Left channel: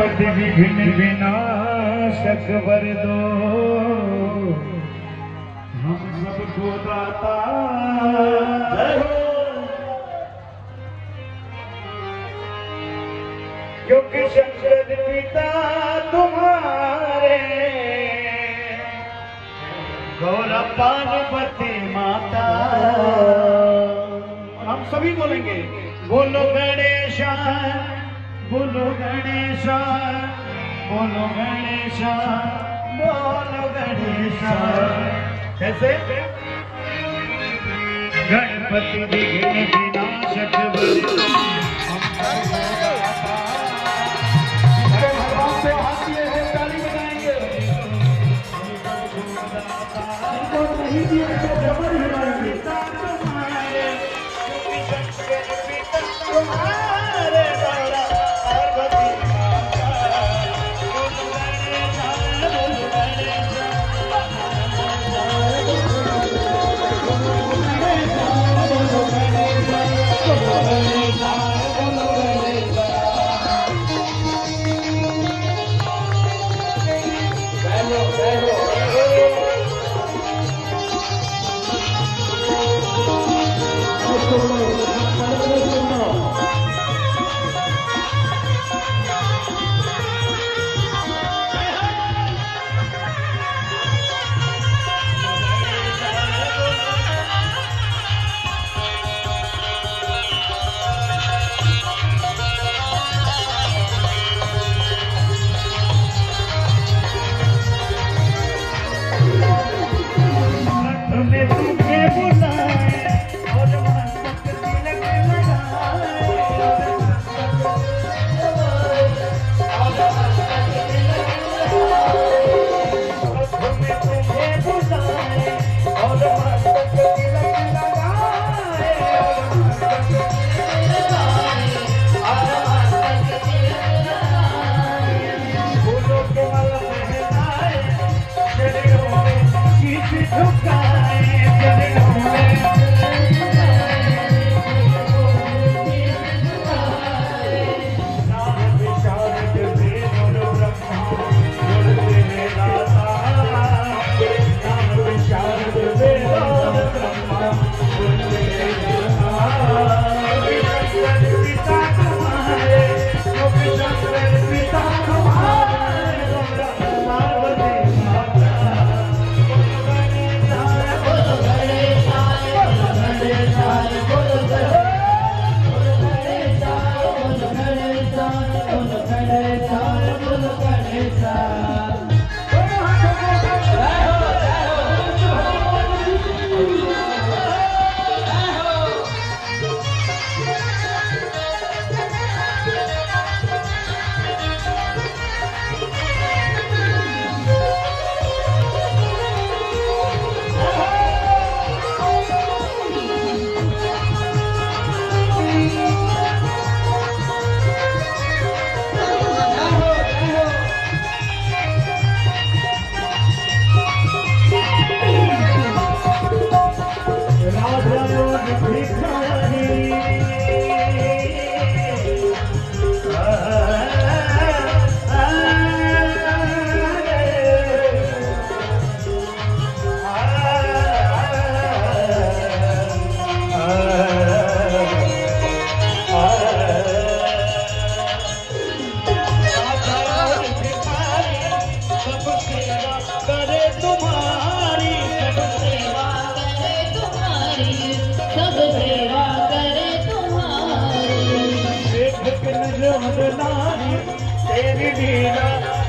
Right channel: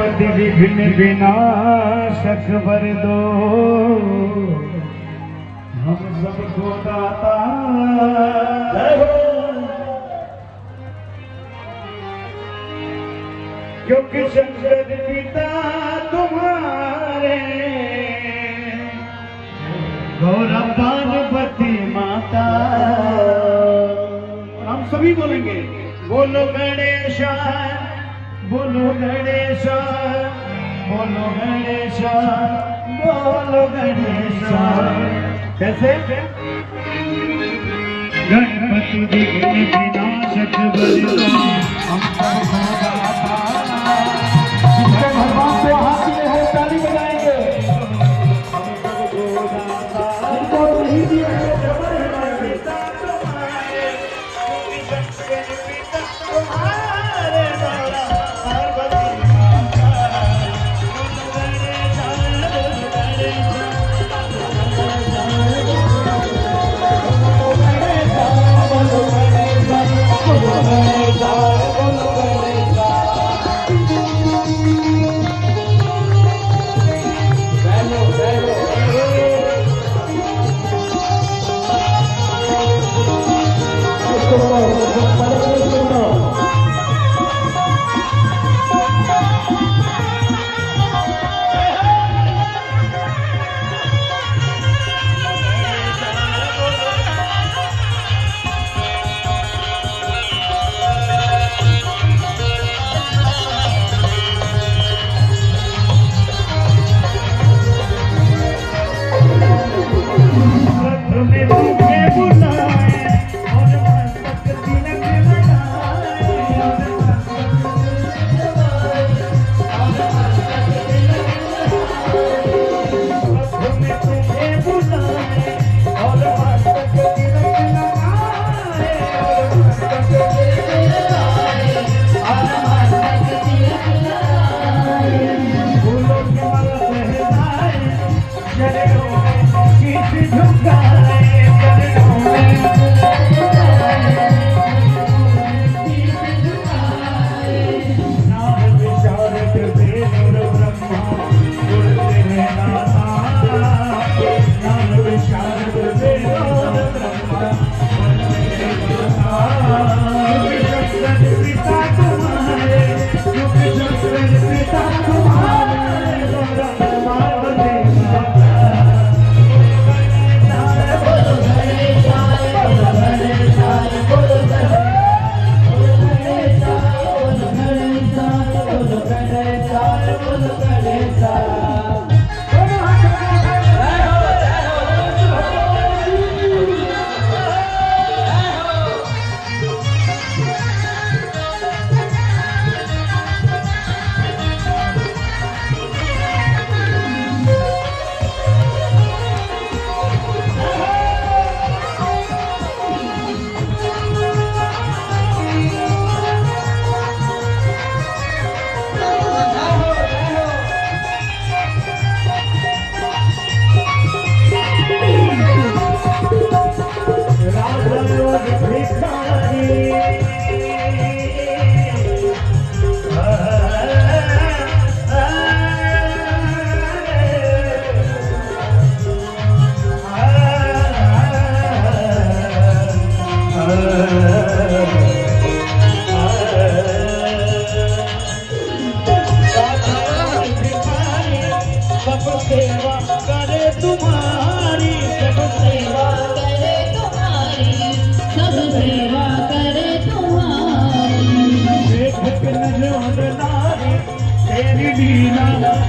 गणपति विघ्न विनाशक वर दो, हम सबको दाता क्योंकि शंकर पिता तुम्हारे और पार्वती माता। हम सभी बोलेंगे बोलो गणेशा, बोलो गणेशा, बोलो गणेशा, बोलो गणेशा। कैसे? गणपति विघ्न विनाशक बलवा, हम भगवान से हाथ किए हैं, ताली बजाएंगे।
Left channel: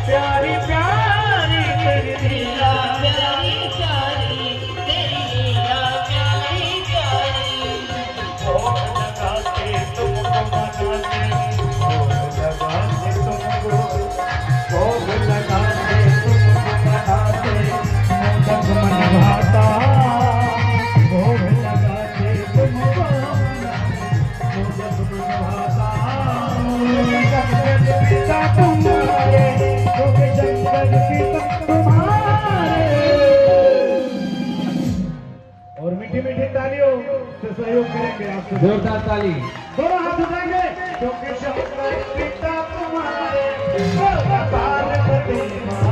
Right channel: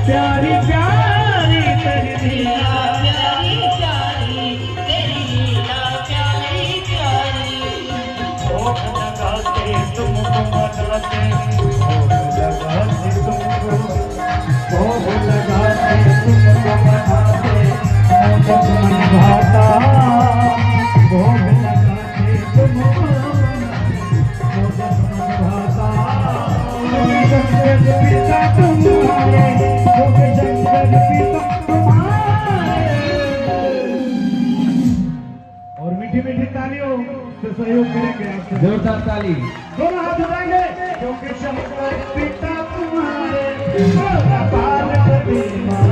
प्यारी प्यारी तेरी लीला प्यारी प्यारी तेरी लीला प्यारी प्यारी तुम गाते तुम लगाते तुम लगाते तुम भाता वो लगाते तुम भाता पिता तुम्हारे और मीठी मीठी तालियों से सहयोग करेंगे आपसे। जोरदार ताली। दोनों हाथ उठाएंगे क्योंकि शंकर पिता तुम्हारे बाल कभी